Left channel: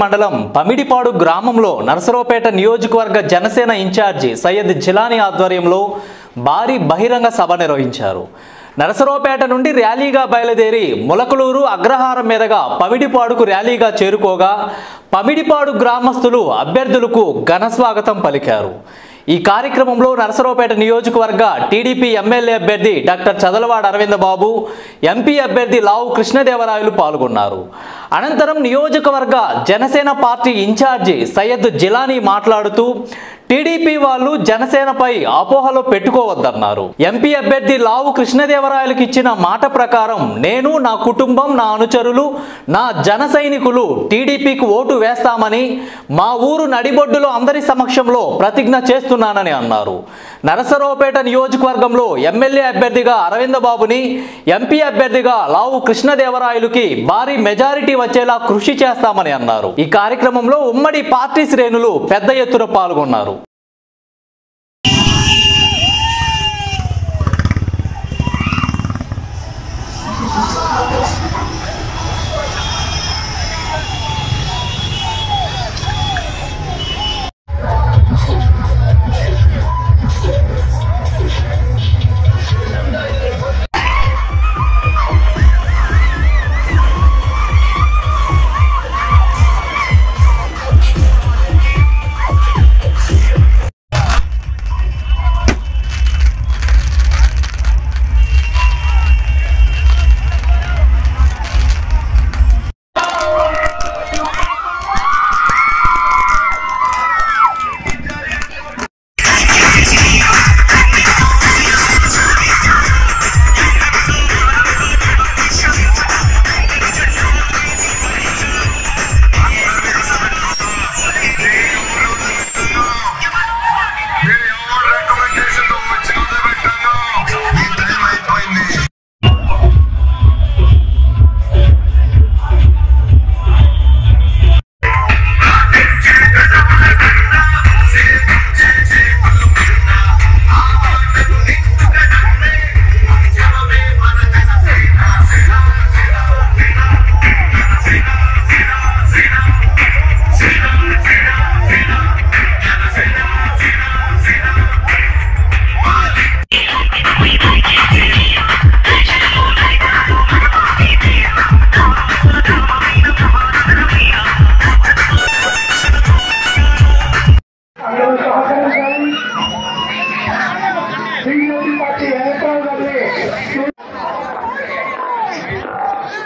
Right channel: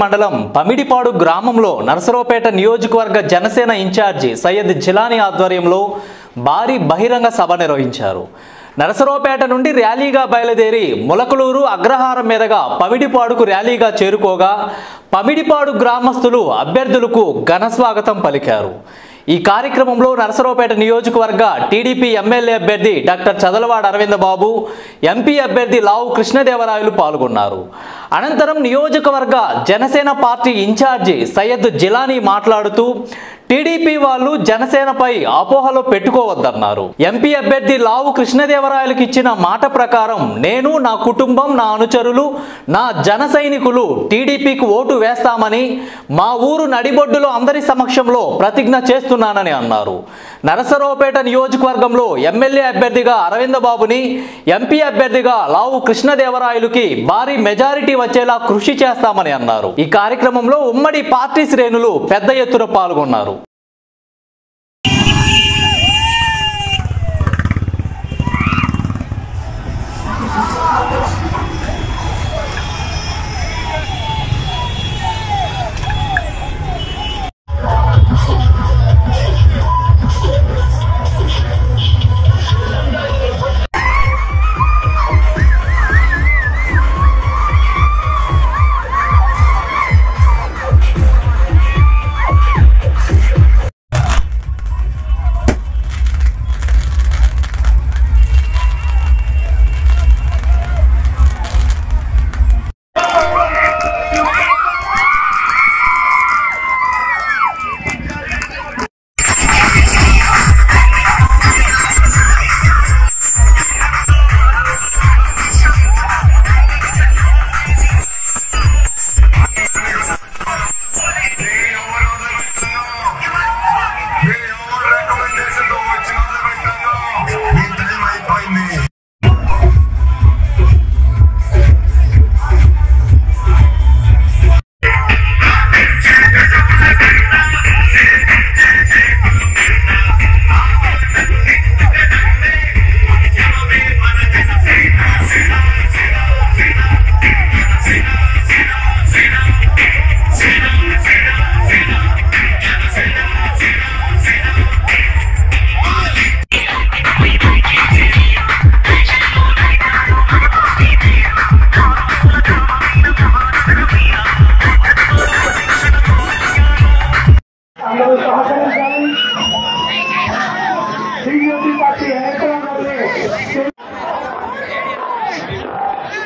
మండలం పమిడిపాడు గ్రామంలో నరసరావుపేట నియోజకవర్గ జనసేన ఇన్ఛార్జి సయ్యద్ జిలానీ ఆధ్వర్యంలో భారీ బహిరంగ సభ నిర్వహించారు. నరసరావుపేట నుండి ర్యాలీగా బయలుదేరి ములకలూరు అగ్రహారం మీదుగా పమిడిపాడుకు ర్యాలీగా చేరుకోగా పమిడిపాడు గ్రామస్తులు అభ్యర్థులకు ఘన స్వాగతం పలికారు. ఈ కార్యక్రమంలో నరసరావుపేట నియోజకవర్గ టీడీపీ ఎమ్మెల్యే అభ్యర్థి డాక్టర్ చదలవాడ అరవింద బాబు, ఎంపీ అభ్యర్థి లావు కృష్ణదేవరాయలు పాల్గొన్నారు. అనంతరం నియోజకవర్గ జనసేన పార్టీ ఇన్ఛార్జి సయ్యద్ జిలానీ మాట్లాడుతూ టీడీపీ వాళ్ళు జనసేనపై అపోహలు పెట్టుకోవద్దన్నారు. ఎంపీ అభ్యర్థి లావు కృష్ణదేవరాయలకు ఇచ్చిన మాట ప్రకారం నేను, నా కుటుంబం, నా అనుచరులు, నా జన సైనికులు టీడీపీకి ఓటు వేస్తామని మా ఊరు నడిబొడ్డులో అందరి సమక్షంలో ప్రతిజ్ఞ చేస్తున్నానని అన్నారు. నరసరావుపేట నియోజకవర్గంలో ఎమ్మెల్యే అభ్యర్థిగా అరవింద బాబుని, ఎంపీ అభ్యర్థిగా లావు కృష్ణదేవరాయలుకి భారీ మెజారిటీ వచ్చేలా కృషి చేస్తామని అన్నారు. ఈ కార్యక్రమంలో ఉమ్మడి పార్టీ శ్రేణులు పెద్ద ఎత్తున పాల్గొన్నారు.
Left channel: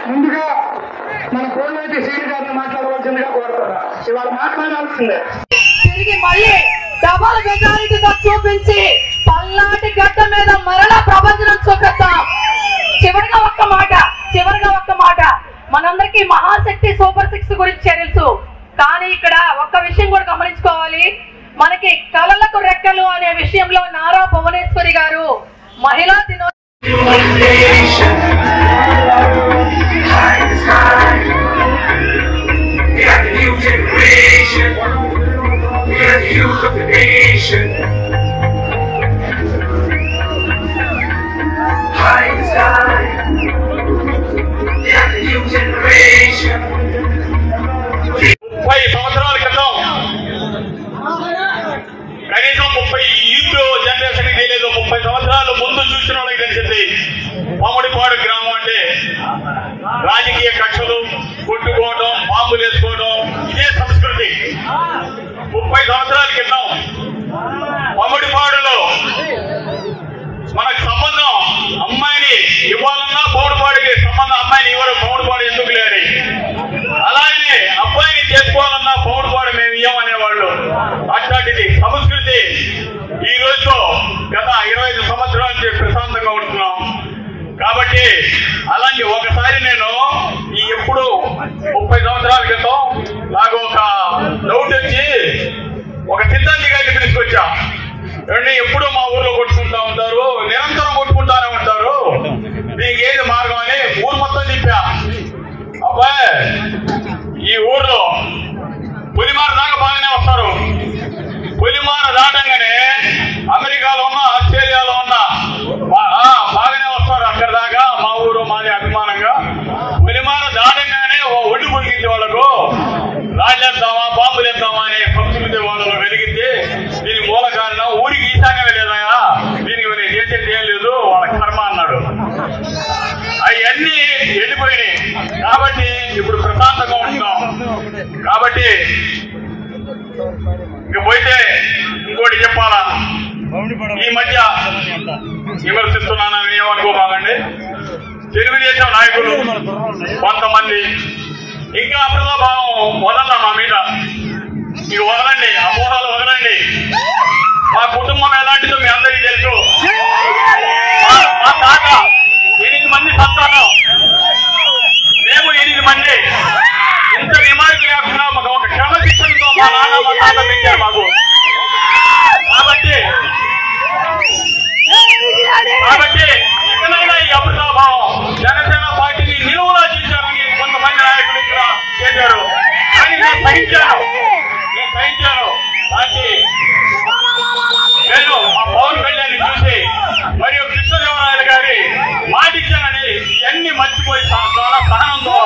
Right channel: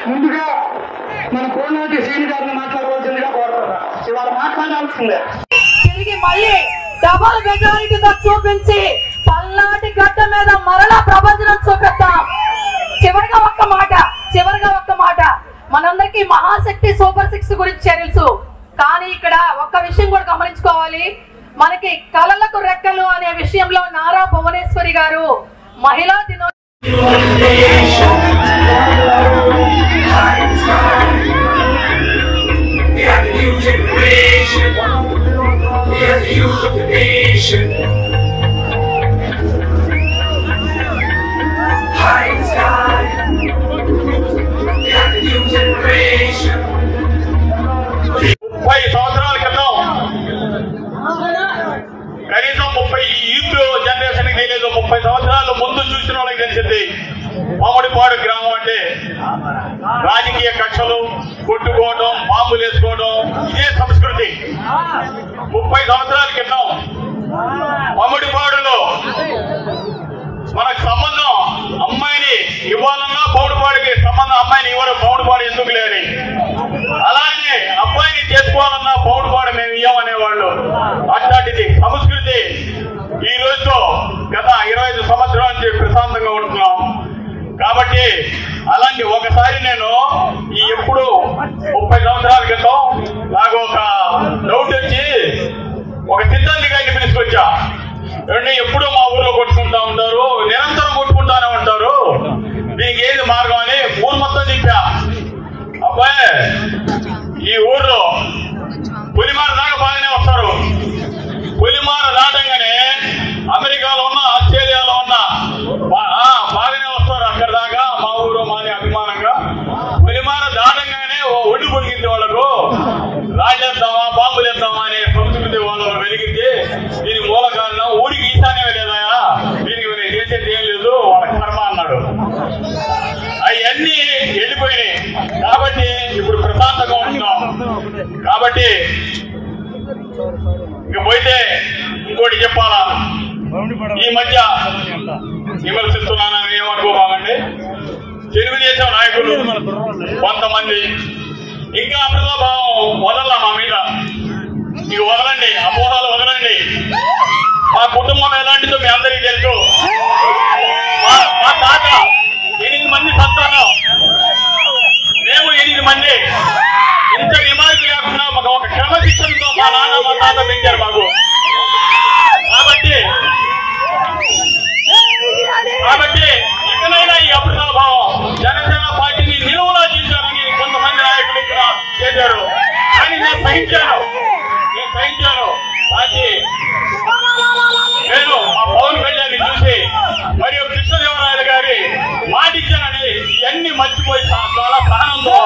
ముందుగా మన కోలాటి శ్రీ గారిని మాట్లాడవలసిందిగా కోరుతున్నా. ఇవాళ మాట్లాడాల్సిందే. తిరిగి మళ్ళీ డబల్ మెజారిటీగా చూపించి పల్నాటి గడ్డ మీద మరలా ప్రపంచం చూపిద్దాం. చివరిగా ఒక్క మాట మనందరికి మహాశక్తి సూపర్ 6 గురించి తెలుసు. కానీ ఇక్కడ ఒక్క విషయం కూడా గమనించుకోవాలి. మనకి కళలకు రెక్కలు అనే విషయంలో నారా భువనేశ్వరి గారు మహిళా సంవత్సరాల క్రితం కనీసం 30 యూత్ జనరేషన్ తెలియదు. 30 సంవత్సరాల ముందు చూసిన వాళ్ళకి తెలిసింది పమిడిపాడు గ్రామం అంటే రాజకీయ కక్షలు, కొట్టుకోవడం, బాంబులు వేసుకోవడం ఇదే సంస్కృతి. 30 సంవత్సరాల క్రితం కాబట్టి ఇక పోతే ఇంకోటి చెప్పాలా, ఈ మధ్య విమర్శిస్తున్నానని ఏమనుకోబాగండి, తెలుగుదేశం నాయకులు కొంతమంది ఇంకా అప్రభావం వదల్లా మా మీద. ఇక వదలండి, అపోహలు వదలండి. మా కుటుంబం ఎలాంటిదో మీ అందరికీ తెలుసు. మా తాత 8 మంది సంతానం, మేము 8 మంది. ఇంత రిమార్క్ లేకుండా మాకు ఒక క్రమశిక్షణతో మా నాన్న మా తాత పెంచారు మాకు. కాబట్టి ఇకనైనా ఈ అప్రభావం జనసేన పార్టీని నిలువునా చేశారని కొంతమంది నాయకులు ఇక్కడ చేశారు. కానీ నేను సహించాను. నేను పవన్ కళ్యాణ్ చూసి మరియు కృష్ణదేవరాయలు గారి మాటిచ్చానని ఇవన్నీ మర్చిపోయి చాలా సహనంతో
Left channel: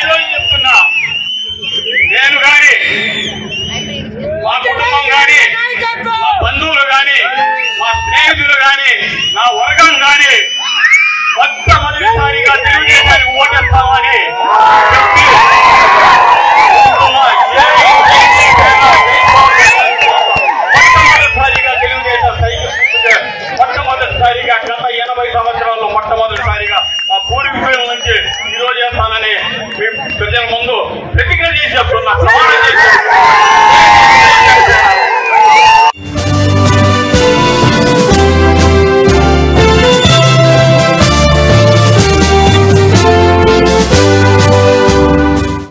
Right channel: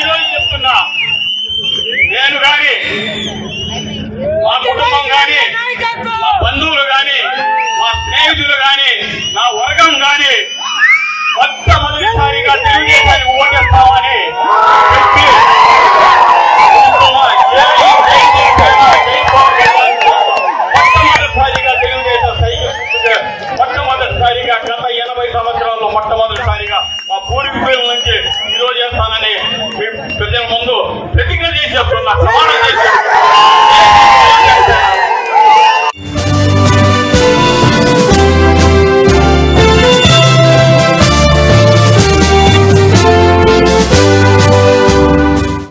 ఈరోజు చెప్తున్నా, నేను కానీ మా కుటుంబం కానీ మా బంధువులు కానీ మా స్నేహితులు కానీ నా వర్గం కానీ మొట్టమొదటిసారిగా తెలుగుదేశానికి ఓటేస్తామని చెప్పి